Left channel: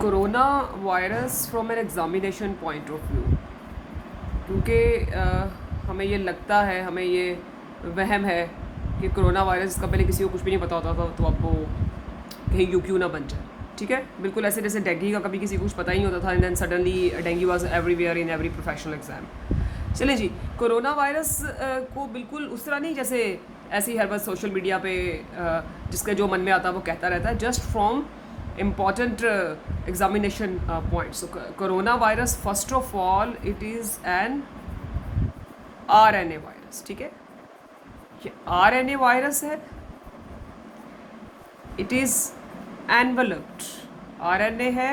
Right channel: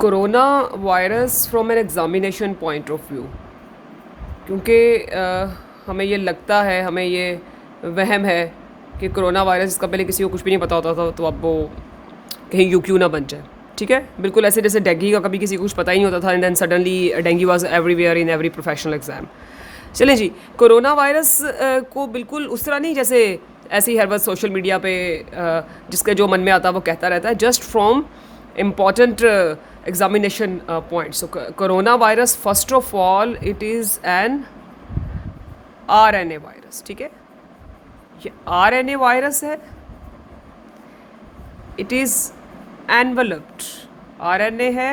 Corona virus from an examination point of view, क्योंकि हमें ये लगता है, हमें ये वहम है कि कोरोना वायरस इसका पहले किसी को कुछ भी नहीं पता होता था, तो अब वो कहीं यू क्यों ना बन जाए। ठीक है, बिल्कुल ऐसे जैसे डेंगू का कभी किसी को कुछ पता ही नहीं होता था, and then suddenly dengue was everywhere in every professional exam. चलें जी, कोरोना वायरस को बिल्कुल उस तरह नहीं जैसे ऐसे ही हर बार सोशल मीडिया पे जिसका जो मन में आता है वो कहता रहता है, just from important examination point. So, coronavirus, first of all, it is an RNA virus. ठीक है, ये RNA वायरस है. It is enveloped. RNA है,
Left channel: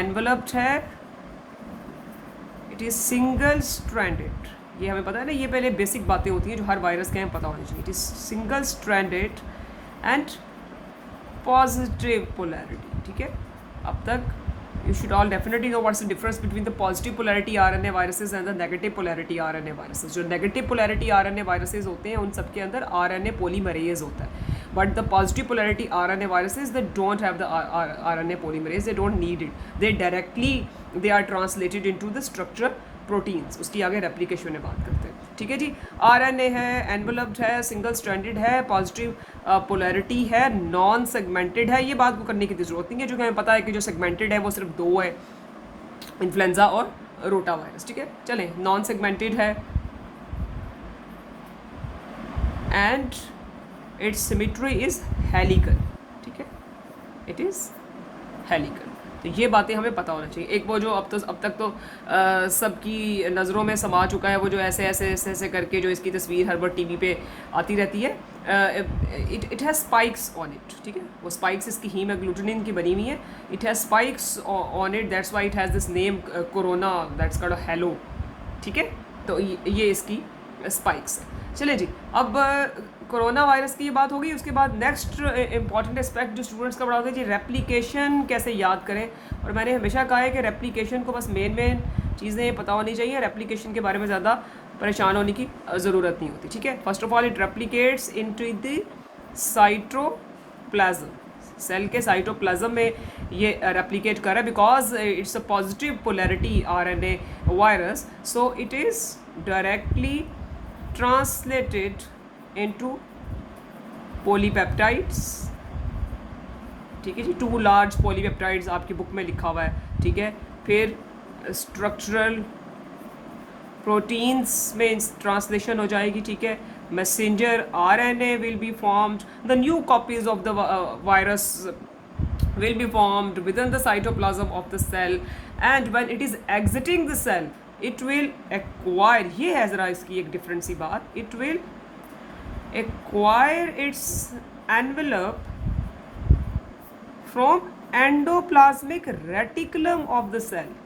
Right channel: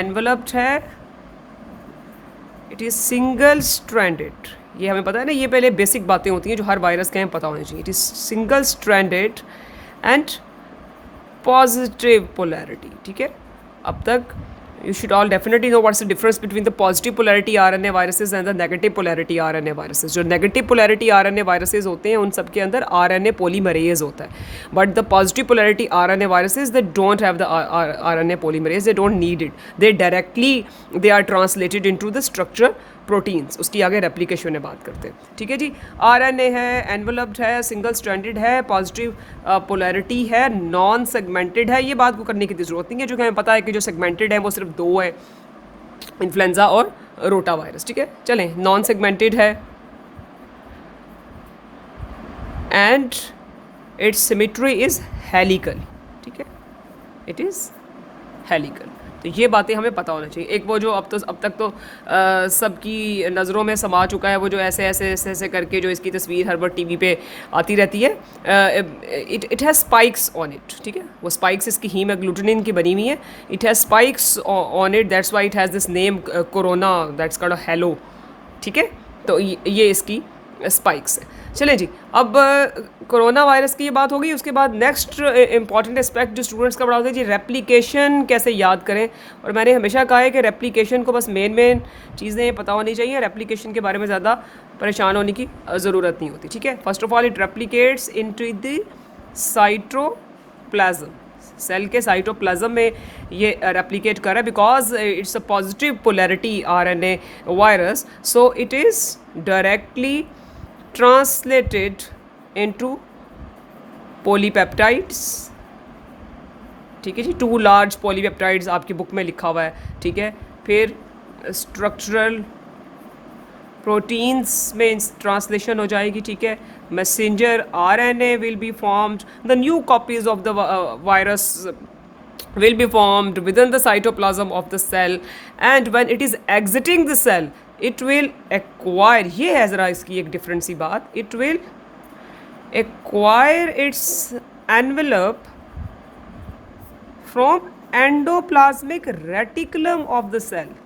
enveloped है. It is single stranded. ये हमें पता है ना, ये पहले बेसिक बातें होती हैं जो हर वायरस के हमें पता होनी चाहिए. It is single stranded and positive polarity. ठीक है, अब तक you should all definitely know what's the difference between the positive polarity RNA viruses and the negative polarity RNA viruses. जो नेगेटिव पोलैरिटी आरएनए वायरसेस होते हैं उन सब के अंदर आरएनए पॉलीमरेज होता है, but the positive polarity RNA viruses they don't have the RNA polymerase, they don't need it, they directly they are translated into the structure proteins. उसकी आगे रेप्लिकेशन में बात करते हैं. ठीक है जी, आरएनए है, एनवलप्ड है, सिंगल स्ट्रैंडेड है, पॉजिटिव पोलैरिटी है, नॉन सेगमेंटेड है. ये बात को करने की जरूरत नहीं है, जो कि हमें पता है कि जो सेगमेंटेड है वो सिर्फ दो है, इन्फ्लुएंजा और रोटा वायरस. ठीक है, चलें, नॉन सेगमेंटेड है and it's symmetry is helical. ठीक है, इट इज़ हेलिकल. तो ये बातें हमें पता होना चाहिए. एक वो जो अब तक तो सबकी नज़रों में समा चुका है, वो जो ऐसे ऐसे ऐसे ऐसे करके जो इसकी तस्वीर हर बार टीवी पे आती रहती है, it has spikes on it. ठीक है, वो स्पाइक्स इसकी हीमोग्लूटिनिन की बनी हुई है. It has spikes on it, that's why it has this name corona, that's called hello. ठीक है, तो ये इसकी स्पाइक्स है. चलें जी, अब कोरोना वायरस की ये बात होगी. उसके बाद नेक्स्ट इंपॉर्टेंट एस्पेक्ट जो स्टूडेंट्स का बड़ा होता है जी, रेप्लिकेशन कैसे याद करें. और मैंने हमेशा कहा है कि रेप्लिकेशन को बस मेन चीज़ें पता होनी चाहिए, रेप्लिकेशन के बारे में ज़्यादा परेशान होने की ज़रूरत नहीं होती. ठीक है, first of all it replicates into the cytoplasm. Cell के साइटोप्लाज्म में ये रेप्लिकेट कर रहा है because it's a positive polarity RNA virus, so it is directly translated into polypeptides. ठीक है जी, 2 लार्ज पॉलीपेप्टाइड्स आपकी बुक में लिखा हुआ है. ठीक है, फिर स्ट्रक्चरल प्रोटीन्स में ट्रांसलेशन हो जाएगी. ठीक है, messenger RNA will be formed, the new copies of the virus will be formed within the cytoplasm of the cell, and when it is exiting the cell it will acquire, ये है ज़रा इसकी एक different सी बात, it will acquire its envelope from endoplasmic reticulum of the cell.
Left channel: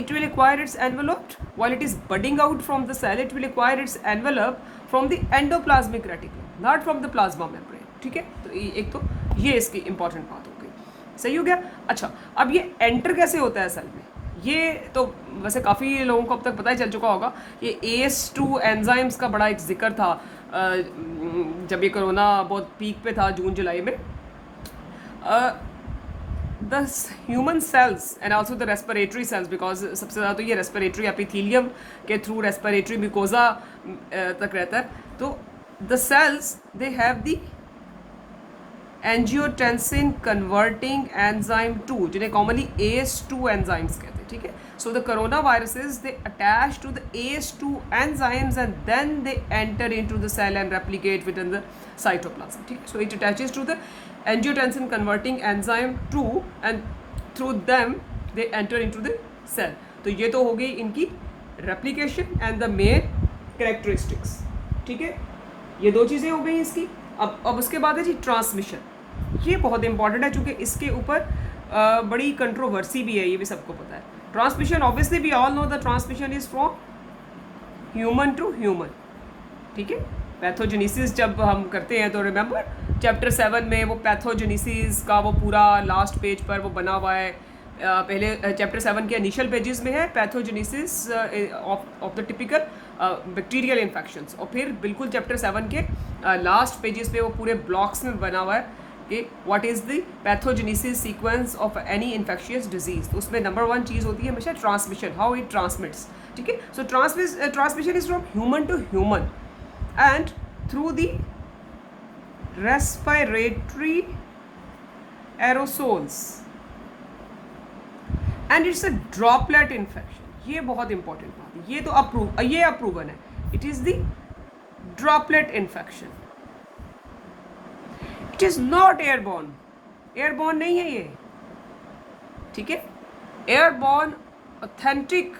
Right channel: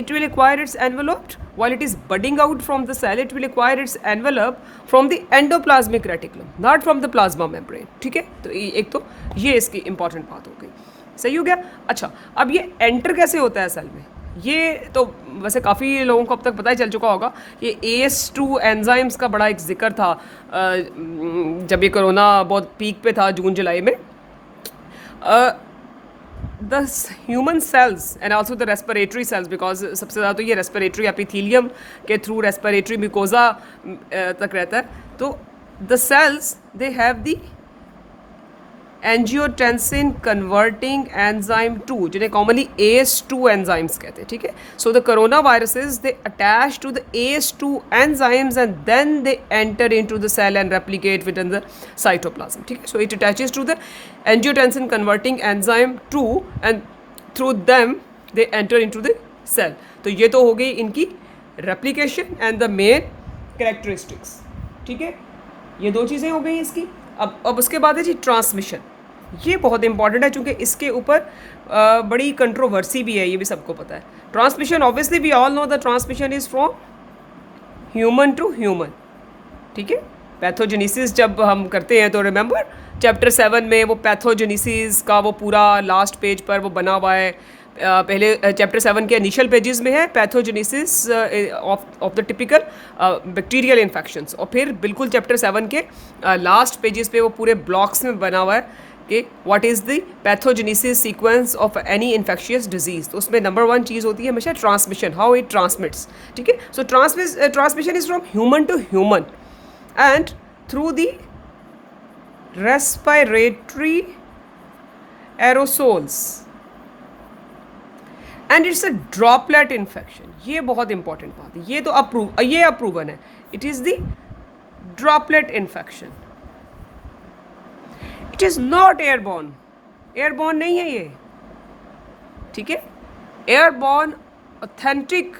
It will acquire its envelope while it is budding out from the cell. It will acquire its envelope from the endoplasmic reticulum, not from the plasma membrane. ठीक है, तो एक तो ये इसकी important बात हो गई. सही हो गया. अच्छा, अब ये एंटर कैसे होता है सेल में, ये तो वैसे काफ़ी लोगों को अब तक पता ही चल चुका होगा. ये AS2 एंजाइम्स का बड़ा एक जिक्र था जब ये कोरोना बहुत पीक पे था, जून जुलाई में. the human cells and also the respiratory cells, because सबसे ज़्यादा तो ये respiratory epithelium के through respiratory mucosa तक रहता है. तो the cells they have the angiotensin converting enzyme 2, जिन्हें commonly AS2 enzymes कहते हैं. ठीक है, so the coronaviruses they attach to the AS2 enzymes and then they enter into the cell and replicate within the cytoplasm. ठीक है, so it attaches to the angiotensin converting enzyme 2 and through them they enter into the cell. तो ये तो हो गई इनकी replication and the main characteristics. ठीक है, ये दो चीज़ें हो गई इसकी. अब उसके बाद है जी ट्रांसमिशन. ये बहुत इंपॉर्टेंट है क्योंकि इसके ऊपर बड़ी कंट्रोवर्सी भी है, ये भी सबको पता है. Transmission obviously we all know the transmission is from human to human. ठीक है, पैथोजेनेसिस जब हम करते हैं तो रिमेंबर चैप्टर 7 में वो पैथोजेनेसिस का वो पूरा लास्ट पेज पर वो बना हुआ है. पहले चैप्टर 7 के इनिशियल पेजेस में है pathogenesis of the typical bacterial infections, और फिर बिल्कुल चैप्टर 7 के लास्ट पेजेस पे वो पूरे ब्लॉक्स में बना हुआ है कि what is the pathogenesis sequence of any infectious disease. तो उसमें नंबर 1 चीज़ होती है हमेशा ट्रांसमिशन, हाउ इट ट्रांसमिट्स, ठीक है। So transmission is from human to human and through the respiratory aerosols and it's a droplet infection. ये बहुत important बात है, ये तो अप्रूवन है। It is the droplet infection, it is not airborne, airborne नहीं है ये, ठीक है। Airborne, authentic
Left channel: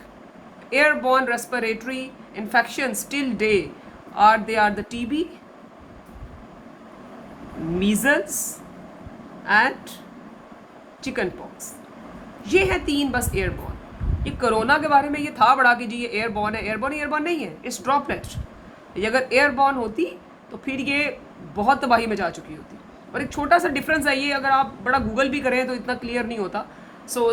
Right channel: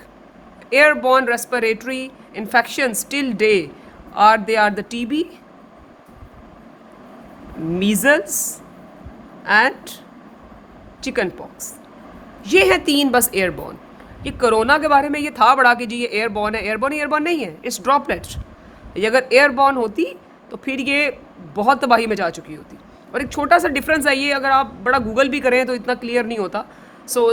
airborne respiratory infections till date are the TB, measles and chicken pox. ये हैं 3 बस एयरबॉर्न। ये कोरोना के बारे में ये था बड़ा कि जी ये एयरबॉर्न है, एयरबॉर्न नहीं है, इट्स ड्रॉपलेट। ये अगर एयरबॉर्न होती तो फिर ये बहुत तबाही में जा चुकी होती। और एक छोटा सा डिफरेंस है, ये अगर आप बड़ा गूगल भी करें तो इतना क्लियर नहीं होता। सो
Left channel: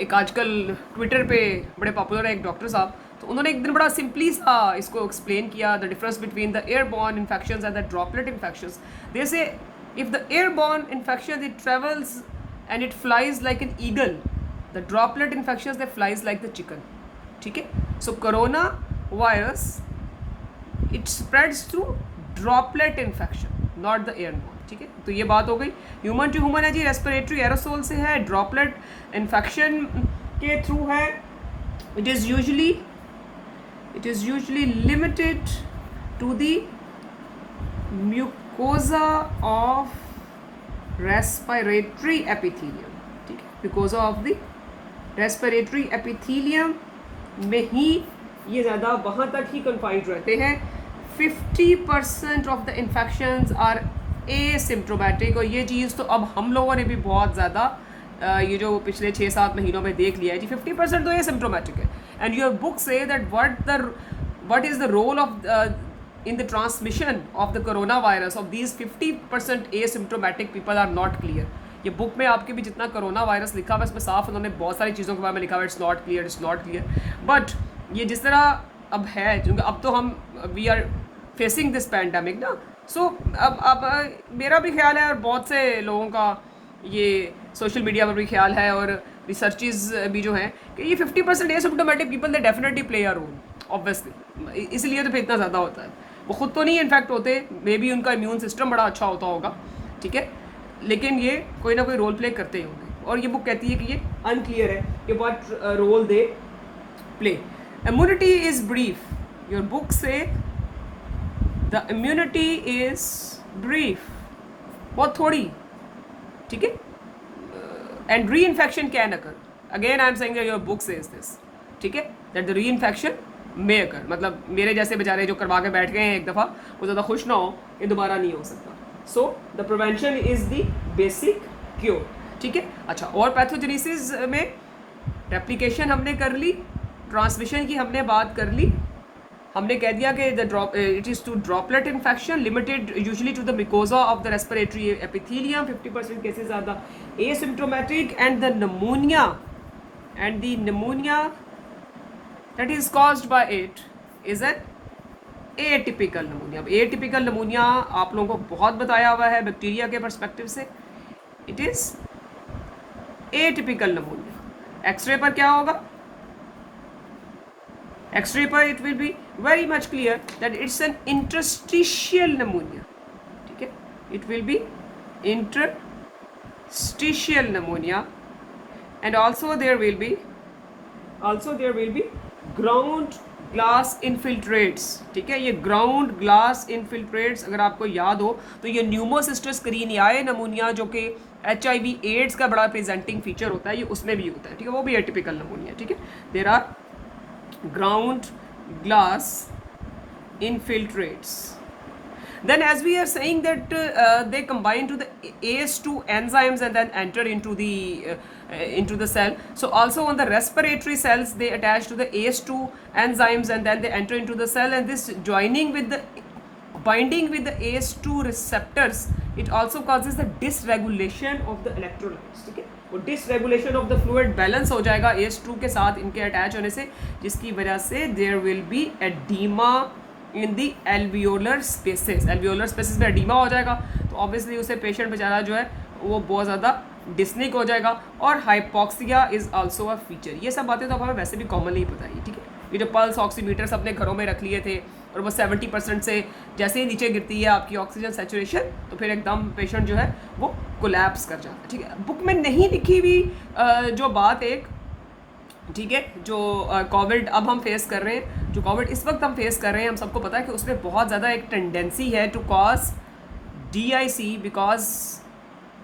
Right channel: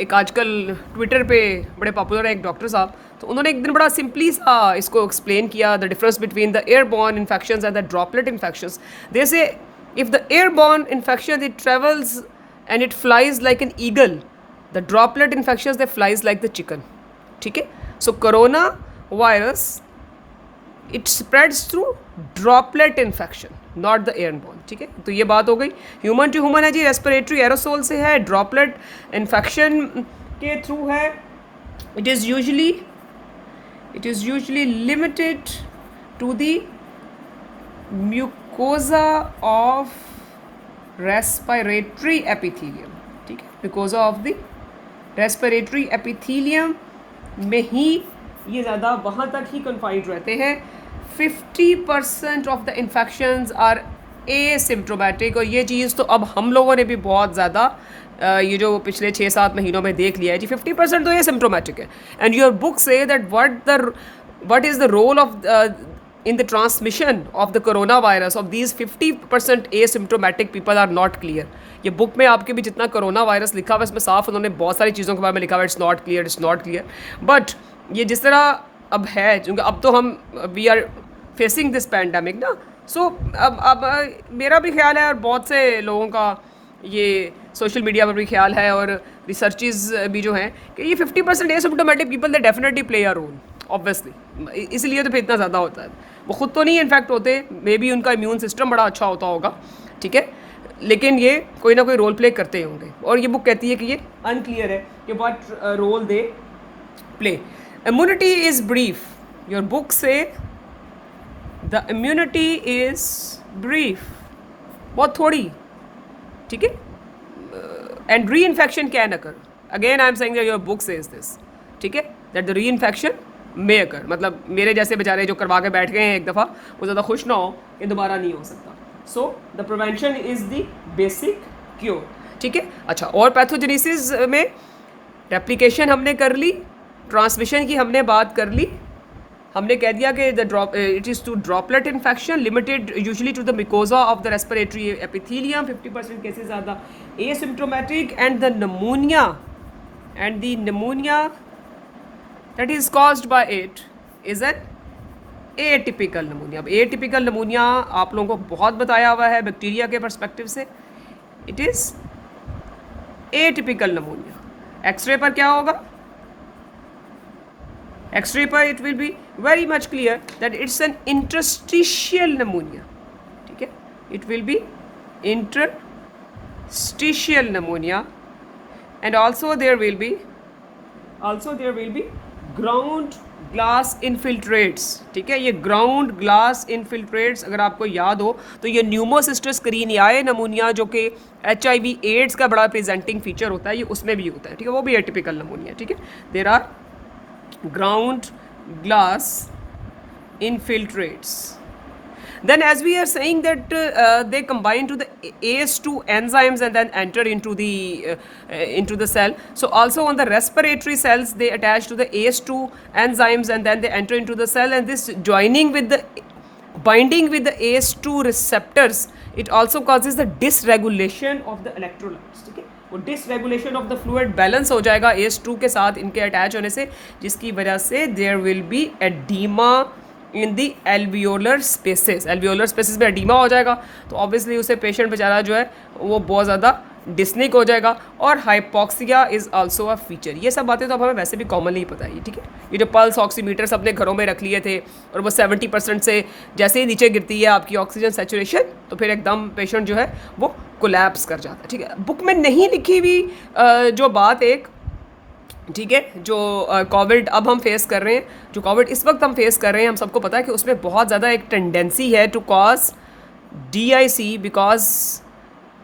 एक आजकल ट्विटर पे बड़े पॉपुलर है एक डॉक्टर साहब, तो उन्होंने एक दिन बड़ा सिंपली सा इसको एक्सप्लेन किया, the difference between the airborne infections and the droplet infections. They say if the airborne infection it travels and it flies like an eagle, the droplet infections they flies like the chicken, ठीक है। so corona virus it spreads through droplet infection not the airborne, ठीक है। तो ये बात हो गई, human to human है जी, रेस्पिरेटरी एरोसोल से है, ड्रॉपलेट इन्फेक्शन के थ्रू है। It is usually limited to the mucosa of respiratory epithelium, ठीक है। Because of the respiratory epithelium में ही ये ज़्यादा वहाँ तक ही कन्फाइंड रहते हैं। 50% of the infections are asymptomatic. और ये चीज़ तो अब हम लोगों ने भी बहुत ज़्यादा ये जो पिछले 6-7 महीनों में देख लिया है जी, 50% तो एसिम्प्टोमेटिक है। एंड योर बुक से that what is the role of in the transmission of the coronavirus of these 50% asymptomatic people are not clear। ये बुक में आपके भी जितना कोरोना वायरस लिखा हुआ है इसमें साफ उन्होंने बहुत सारी चीज़ों के बारे में लिखा हुआ है, इट्स नॉट क्लियर। बट ये जिस तरह अब है, क्योंकि अब तो हम we are facing this pandemic ना, सो अब मेरा भी ख्याल है और बहुत से लोगों का ये सोशल मीडिया पर भी ख्याल है और रिसर्चेज भी जो हैं कि ये 50% asymptomatic people they definitely play a role obviously, इसलिए तो फिर इतना ज़्यादा होता है। वो खुद तो नहीं इन्फेक्ट होते, मे बी उनका इम्यून सिस्टम बड़ा अच्छा होता होगा, ठीक है, लेकिन ये कोई ना कोई रोल प्ले करते होंगे। और ये बुक कहती है कि ये अनक्लियर है कि what role they play. Immunity is brief, your book से द इम्यूनिटी इज़ ब्रीफ, बहुत थोड़ी, ठीक है। And re infection can occur, again I am saying that your book says this, ठीक है, दैट द री इन्फेक्शन में अकर, मतलब मेरे जैसे बेचारे जो करवा के बैठ गए हैं एक दफ़ा, वो ज़्यादा खुश ना हो कि दोबारा नहीं हो सकता। So the prevention is the basic cure, ठीक है। अच्छा, और पैथोजेनेसिस में रेप्लिकेशन हमने कर ली, ट्रांसमिशन की हमने बात कर ली, हमने कह दिया कि it is to droplet infection limited usually to the mucosa of the respiratory epithelium, 50% cases are the asymptomatic and the pneumonia that is caused by it is an atypical pneumonia। अब atypical pneumonia आप लोगों को बहुत बताया हुआ है bacteria के perspective से, it is atypical pneumonia। X ray पर क्या होगा, एक्सरे पर it will be very much clear that it's an interstitial pneumonia, ठीक है, it will be interstitial pneumonia and also there will be ground glass infiltrates, ठीक है। ये ग्राउंड ग्लास इनफिल्ट्रेट्स अगर आपको याद हो तो ये न्यूमोसिस्टस करीनियाए नमूनिया जो कि HIV एड्स का बड़ा प्रेजेंटिंग फीचर होता है, ये उसमें भी होता है, ठीक है, वो भी एटिपिकल नमूनिया, ठीक है। There are ground glass infiltrates. Then as we are saying that they combine to the AS2 enzymes and then enter into the cell. So also on the respiratory cells they attach to the AS2 enzymes and then they enter into the cell, and this binding with the AS2 receptors, it also causes the dysregulation of the electrolytes, ठीक है। वो dysregulation of the fluid balance हो जाएगा AS2 के साथ इनके attach होने से, जिसकी वजह से there will be edema in the alveolar spaces. Alveolar spaces में एडीमा हो जाएगा तो ऑब्वियसली उसे पेशेंट बेचारा जो है वो बहुत ज़्यादा डिस्निक हो जाएगा। और hypoxia is also a feature. ये सब बातें तो अब हमें वैसे भी कॉमनली पता है, ठीक है। ये जो पल्स ऑक्सीमीटर्स अपने घरों में रख लिए थे और वो 70% से जैसे ही नीचे गिरती है आपकी ऑक्सीजन सेचुरेशन तो फिर एकदम पेशेंट जो है वो कोलैप्स कर जाता है, ठीक है। बुक में नहीं लिखी हुई जो बात एक, ठीक है, जो कोविड अब हम फेस कर रहे हैं, जो कोविड इस वक्त हम फेस कर रहे हैं, हम सबको पता है कि उसमें बहुत ज़्यादा एक टेंडेंसी है to cause DIC because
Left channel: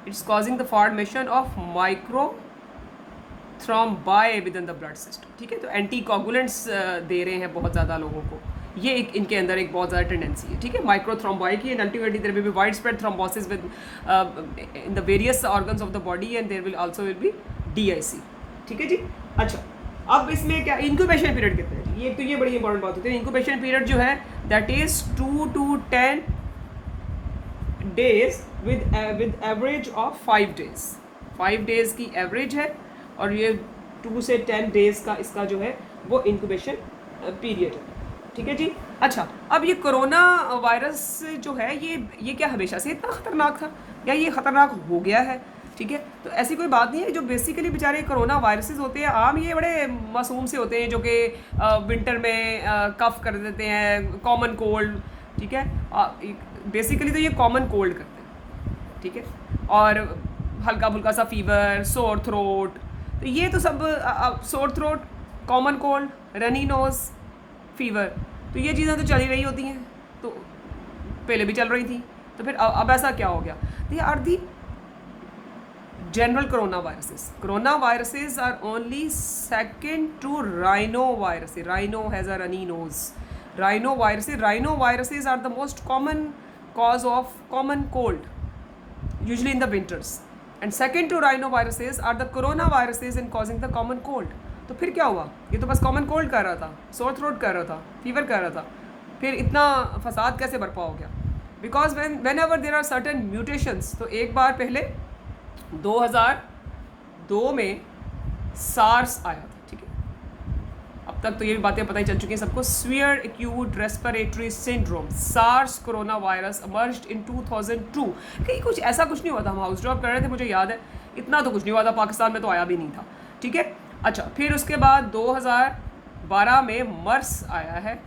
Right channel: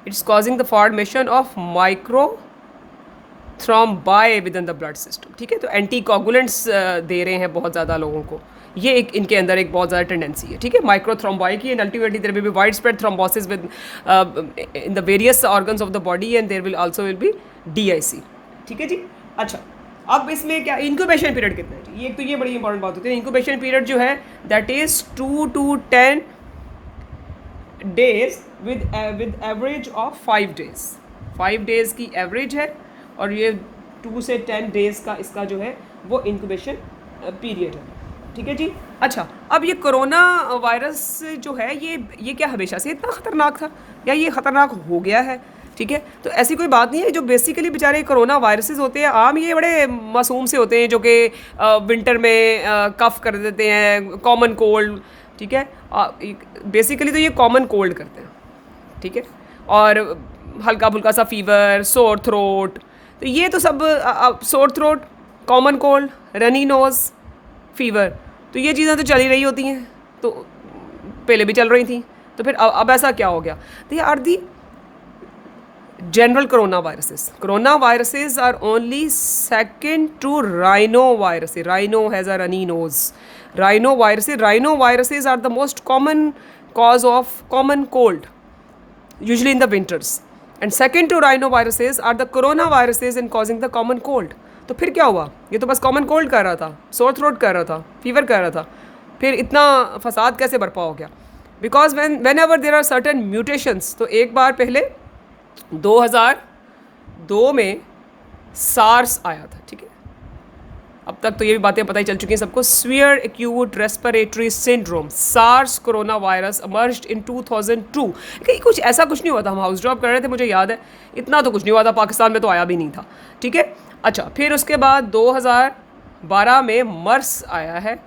it's causing the formation of micro thrombi with in the blood system, ठीक है। तो एंटी कोगुलेंट्स दे रहे हैं बहुत ज़्यादा लोगों को, ये एक इनके अंदर एक बहुत ज़्यादा टेंडेंसी है, ठीक है, माइक्रो थ्रोम्बाई की। And ultimately there will be wide spread thrombosis with in the various organs of the body and there will also will be DIC, ठीक है जी। अच्छा, अब इसमें क्या इंक्यूबेशन पीरियड कितना है जी? ये बड़ी इंपॉर्टेंट बात होती है। इंक्यूबेशन पीरियड जो है that is 2 to 10 days with average of 5 days। 5 days की एवरेज है और ये 2 से 10 days का इसका जो है वो इंक्यूबेशन पीरियड है, ठीक है जी। अच्छा, अब ये कोरोना वायरस जो है ये क्या हमेशा से इतना ख़तरनाक था या ये ख़तरनाक हो गया है, ठीक है। तो ऐसी कोई बात नहीं है। जो बेसिकली बेचारे कोरोना वायरसेस होते हैं आम, ये बड़े मासूम से होते हैं जो कि विंटर में कफ कर देते हैं, कॉमन कोल्ड, ठीक है। बेसिकली तो ये कॉमन कोल्ड करते हैं, ठीक है, और हल्का फुल्का सा फीवर, सोर थ्रोट, तो ये तो सब sore throat, common cold, runny nose, fever, तो ये चीज़ें तो चल ही रही होती हैं, तो पहले भी चल रही थी। तो फिर अब ऐसा क्या हो गया? They are the general coronaviruses. Coronaviruses are only second to rhinoviruses. Rhino has a runny nose. Rhinoviruses are the most common cause of common cold, usually in the winters. And second to rhinoviruses are the coronaviruses in causing the common cold. तो फिर क्या हुआ? ये तो बस common cold कर रहा था, सोर थ्रोट कर रहा था, फीवर कर रहा था, फिर इतना फसाद कैसे बर्पा हो गया? Because whenever there are certain mutations, तो एक बार पहले 2002 में सार्स आया था, ठीक है। अब तक तो ये भी बातें पता ही चल चुकी हैं सबको। Severe acute respiratory syndrome, SARS corona virus emerged in 2002। कहीं कुछ ऐसा कुछ नहीं हुआ था, हम हाउस जॉब कर रहे थे, मुझे याद है, इतना तो कुछ नहीं हुआ था, पाकिस्तान में तो आया भी नहीं था, ठीक है। अच्छा, फिर उसके बाद 2012 में मर्स आया है,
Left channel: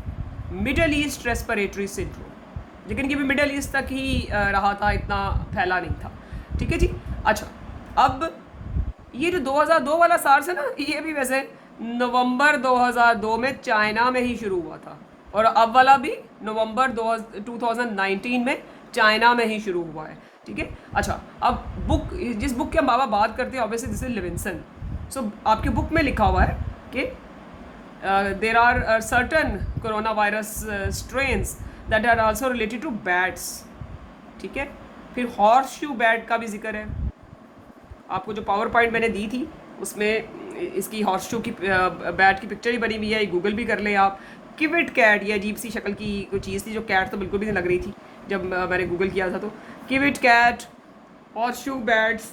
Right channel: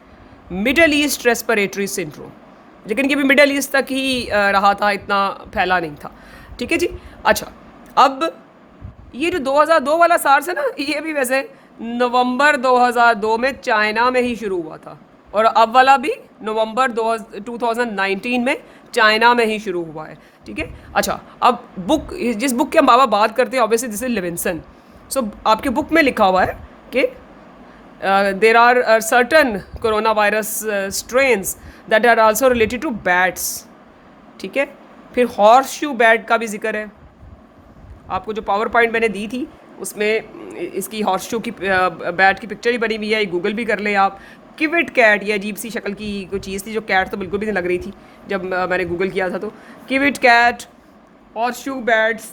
मिडल ईस्ट रेस्पिरेटरी सिंड्रोम, लेकिन ये भी मिडल ईस्ट तक ही रहा था, इतना फैला नहीं था, ठीक है जी। अच्छा, अब ये जो 2002 वाला सार्स है ना, ये भी वैसे नवंबर 2002 में चाइना में ही शुरू हुआ था, और अब वाला भी नवंबर 2019 में चाइना में ही शुरू हुआ है, ठीक है। अच्छा, अब बुक, जिस बुक की हम बात करते हैं, ऑब्वियसली दिस इज लिविंसन। सो आपके बुक में लिखा हुआ है कि there are certain corona virus strains that are also related to bats, ठीक है। फिर हॉर्स शू बैट का भी जिक्र है। आपको जो पावर पॉइंट मैंने दी थी उसमें इसकी हॉर्स शू की बैट की पिक्चर ही बनी हुई है, गूगल भी कर लें आप। किविट कैट, ये अजीब सी शक्ल की कोई चीज़ थी, जो कैट तो बिल्कुल भी नहीं लग रही थी जब मैंने गूगल किया था। तो civet cat, horseshoe bats,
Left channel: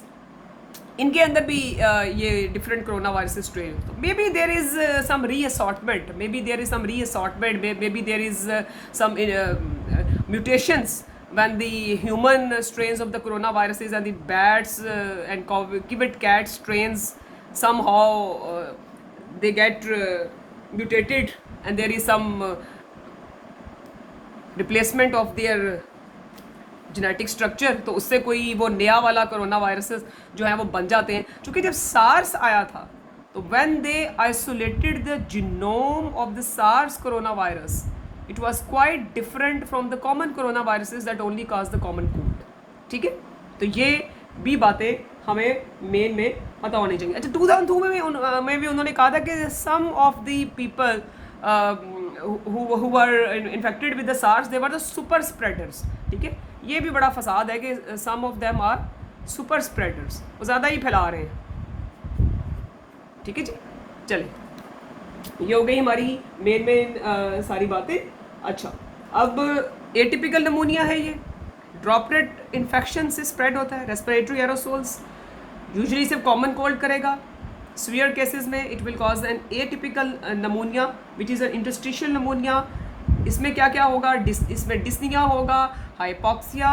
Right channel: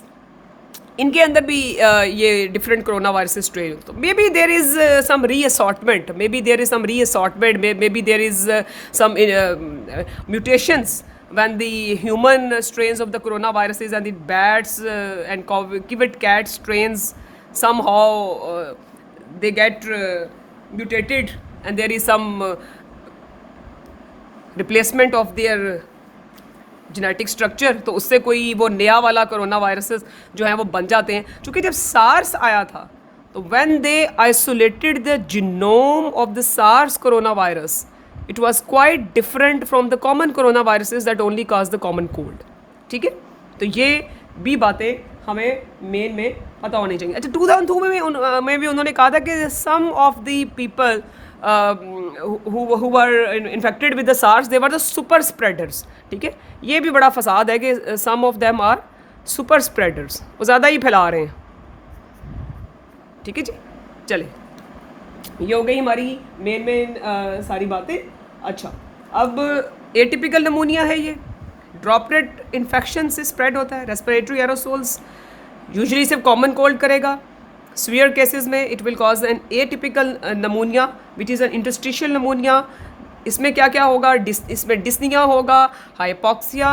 इनके अंदर भी ये डिफरेंट कोरोना वायरस स्ट्रेन। तो maybe there is some reassortment, maybe there is some reassortment, maybe there is some mutations when the human strains of the coronaviruses and the bats and civet cat strains somehow they get mutated and there is some replacement of their genetic structure, तो उससे कोई वो नया वाला corona viruses जो है वो बन जाते हैं। क्योंकि जब सार्स आया था तो when they isolated the genome of the SARS coronavirus, it was quite different from the common coronaviruses that only cause the common cold, ठीक है। तो ये भी बातें हमें मेन में पता होनी चाहिए। अच्छा, 2002 में भी उन्होंने कहा था कि some of the people who were infected with the SARS, they were the super spreaders, ठीक है। ये भी बड़ा फसाद है कि some of them are super spreaders, वो ज़्यादा ही फैला रहे हैं, ठीक है जी। चले, ये हो गई हमारी मेन सारी बातें। अच्छा, अब एटिपिकल नमूनिया है, ये ड्रॉपलेट इन्फेक्शन से स्प्रेड होता है, रेस्पिरेटरी एरोसोल्स, यूजुअली सिर्फ कॉमन कोल्ड करेगा। सीवियर केसेस में it will cause an atypical pneumonia which is an interstitial pneumonia इसमें क्या क्या होगा, इसमें डिस्निया होगा, हाइपॉक्सिया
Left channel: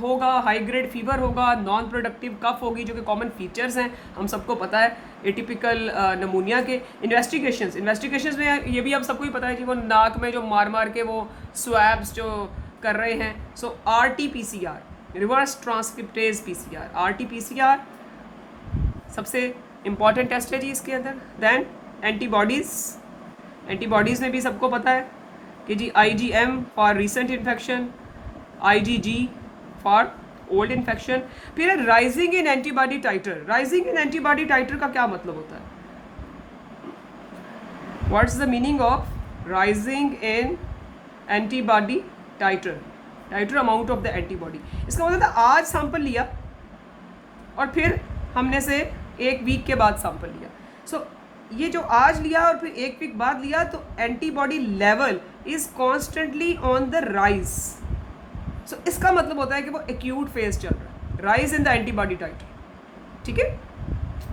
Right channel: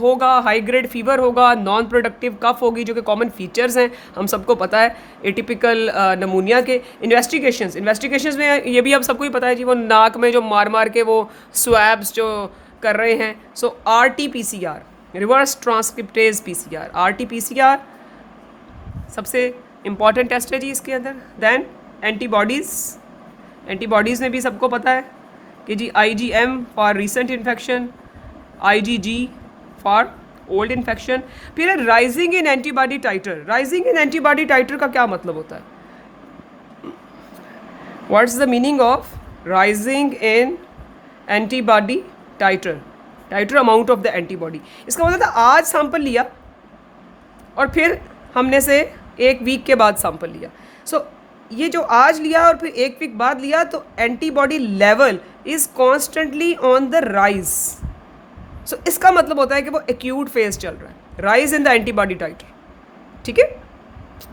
होगा, हाई ग्रेड फीवर होगा, नॉन प्रोडक्टिव कफ होगी, जो कि कॉमन फीचर्स हैं, हम सबको पता है एटिपिकल नमूनिया के। इन्वेस्टिगेशंस में ये भी अब सबको ही पता है कि वो नाक में जो मार मार के वो स्वैब्स जो कर रहे हैं। सो RT-PCR, reverse transcriptase PCR, RT-PCR सबसे इम्पॉर्टेंट टेस्ट है जी इसके अंदर। देन एंटीबॉडीज़ में भी सबको पता है कि जी IgM for recent infection, IgG for old infection. फिर rising in antibody titre. Rising in antibody titre का क्या मतलब होता है? What's the meaning of rising in antibody titre? Titre amount of the antibody. इसका मतलब था आज सैंपल लिया और फिर हमने से एक वीक के बाद सैंपल लिया। सो ये जो आज लिया और फिर एक वीक बाद लिया, तो antibody level is constantly on the rise. So इसका मतलब होता है कि वो एक्यूट फेज चल रहा है, rise in the antibody titre, ठीक है,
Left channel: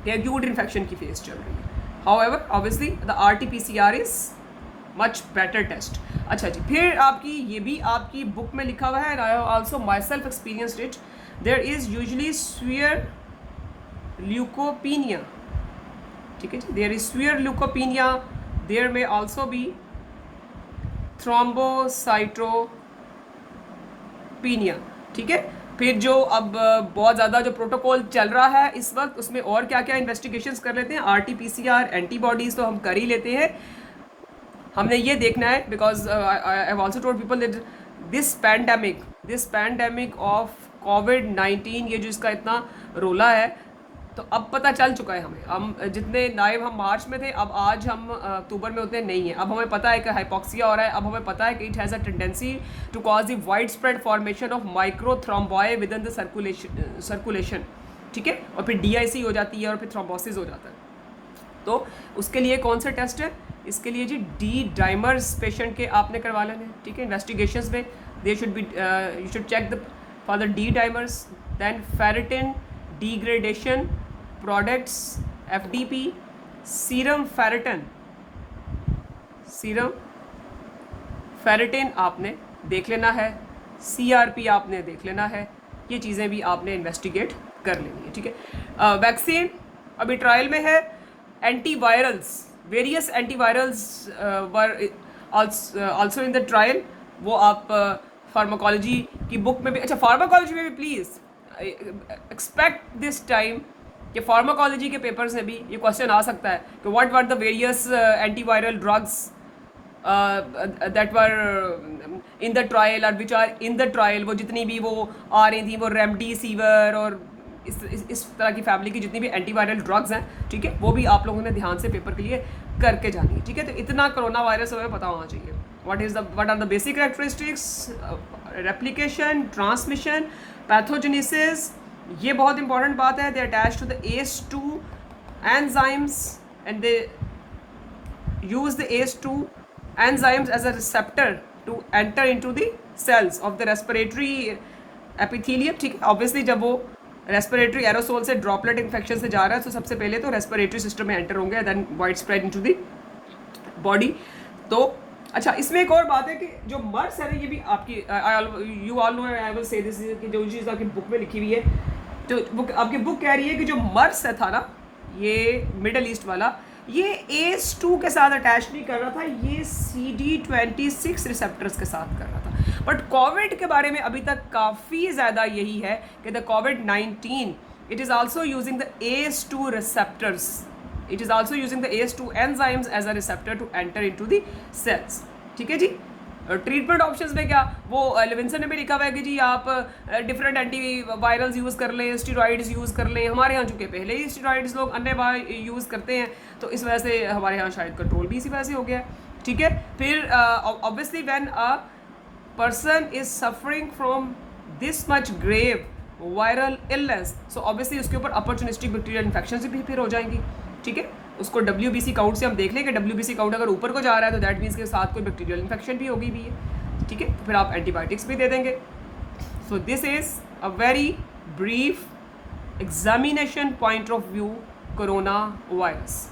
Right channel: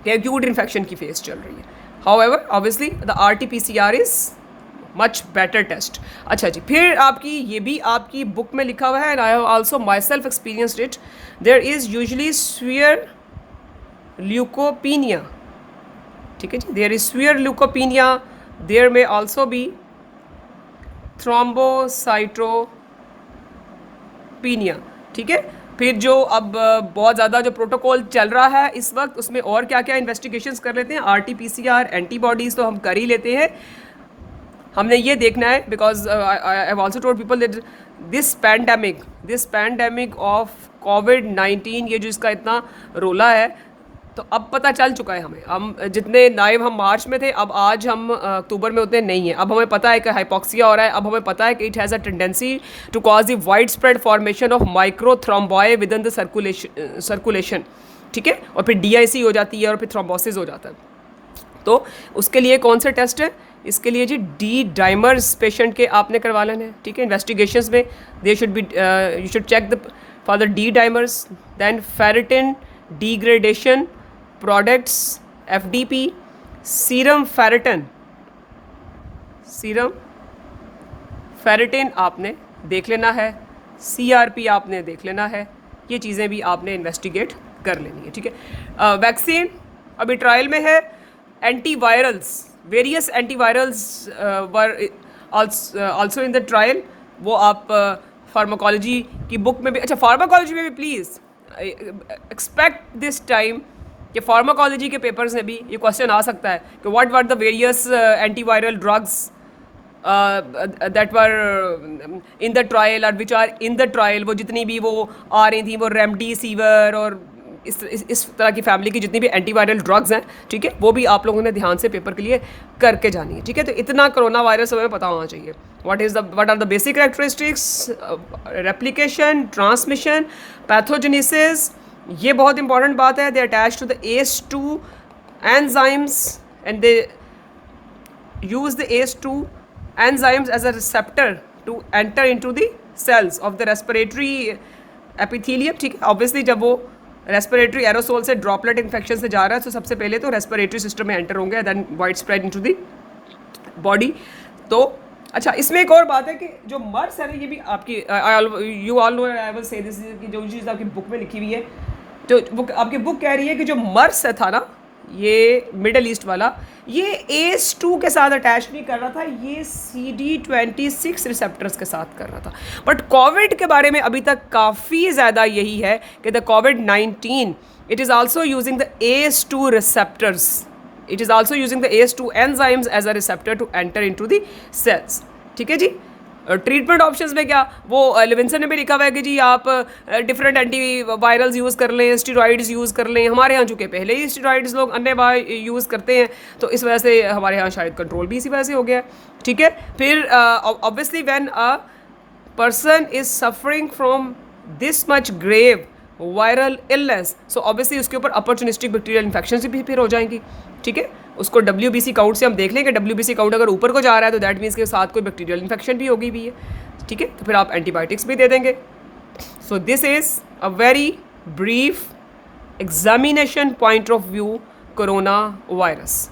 एक्यूट इन्फेक्शन की फेज चल रही है। However obviously the RT-PCR is much better test. अच्छा जी, फिर आपकी ये भी आपकी बुक में लिखा हुआ है, and I have also myself experienced it. There is usually severe leukopenia, ठीक है जी, there is severe leukopenia, there may also be thrombocytopenia, ठीक है। फिर जो अब बहुत ज़्यादा जो प्रोटोकॉल चल रहा है इस वक्त, उसमें और क्या क्या इन्वेस्टिगेशंस कर लेते हैं। RT-PCR, एंटीबॉडीज़ तो हम कर ही लेते हैं। हमने ये देखना है because I have also told people that this pandemic of COVID-19, ये जो इसका इतना रोला है, तो अब पता चल चुका है हमें। हम जितने नाइव हम मार्च में थे, अब आज हम अक्टूबर में उतने नहीं हैं। अब हमें पता है कि हाइपॉक्सिया हो रहा है, अब हमें पता है कि it has a tendency to cause the widespread formation of microthrombi with in the circulation, ठीक है, और फिर DIC हो जाती है और फिर थ्रोम्बोसिस हो जाता है। तो उसके लिए कौन से टेस्ट है? इसके लिए जी D डाइमर्स पेशेंट के आपने करवा लेने हैं, ठीक है। इन्वेस्टिगेशंस में they should be you should check the for the D dimers, then ferritin degradation products FDP, serum ferritin आपने देख लेना है, CRP आपने देख लेना है, ये चीज़ें भी आपने इन्वेस्टिगेट कर लेनी है, ठीक है। वैक्सीन अभी ट्रायल में है। Antivirals, various antivirals were also in the trial. वो आप फार्माकोलॉजी की बुक में भी, अच्छा फार्माकोलॉजी में भी प्लीज़ एक्सपेक्ट दिस टाइम कि फार्माकोलॉजी के पेपर्स में भी ये क्वेश्चन आ सकता है कि what were the various antiviral drugs that were in the trial और which are in the trial. वो जितनी भी वो आ रही थी, वो रेमडेसिविर और इस तरह की फैमिली की जितनी भी एंटीवायरल ड्रग्स हैं, ठीक है, वो भी आप लोगों ने ध्यान से पेपर के लिए करके जानी है, ठीक है। तो इतना कोरोना वायरस हमें पता होना चाहिए। What are the basic characteristics, replication, transmission, pathogenesis, ये बहुत इंपॉर्टेंट बात है। They attach to the ACE2 enzymes and they use the ACE2 enzymes as a receptor to enter into the cells of the respiratory epithelium, ठीक है। Obviously जब वो respiratory aerosol से droplet infection से जा रहा है, तो सबसे पहले तो रेस्पिरेटरी सिस्टम में एंटर होंगे, then wide spread into the body. तो अच्छा, इसमें एक और बात है कि जो मर्स है ना, ये भी आपकी you all know, I will say this कि जो चीज़ आपकी बुक में लिखी हुई है, तो आपकी बुक कह रही है कि जो मर्स है था ना, ये मिडल ईस्ट वाला, ये ACE2 के साथ अटैच नहीं कर रहा था, ये CD26 रिसेप्टर्स के साथ कर रहा था। बट कोविड के बारे में अभी तक काफ़ी ज़्यादा यही है कि the COVID-19 it is also using the ACE2 receptors, it is also using the ACE2 enzymes as a receptor to enter into the cells, ठीक है जी। ट्रीटमेंट ऑप्शंस में क्या, वो लेविंसन ने भी लिखा हुआ है कि जी आप डिफरेंट एंटीवायरल्स यूज़ कर लें, स्टेरॉइड्स यूज़ कर लें। हमारे यहाँ चूँकि पहले ही स्टेरॉइड्स लोग अन्य यूज़ करते हैं, तो इस वजह से हमारे यहाँ शायद कंट्रोल भी इसी वजह से हो गया, ठीक है। फिर obviously when a person is suffering from this much grave viral illness, so obviously उसके ऊपर अपॉर्चुनिस्टिक बैक्टीरियल इन्फेक्शन भी फिर हो जाएंगी, ठीक है। उसको WBC काउंट से हम देख लें कि WBC काउंट अगर ऊपर को जा रहा है तो दैट मीन्स के साथ कोई बैक्टीरियल इन्फेक्शन भी होगी भी है, ठीक है। तो फिर आप एंटीबायोटिक्स भी दे देंगे। So this is a very brief examination point of view corona virus.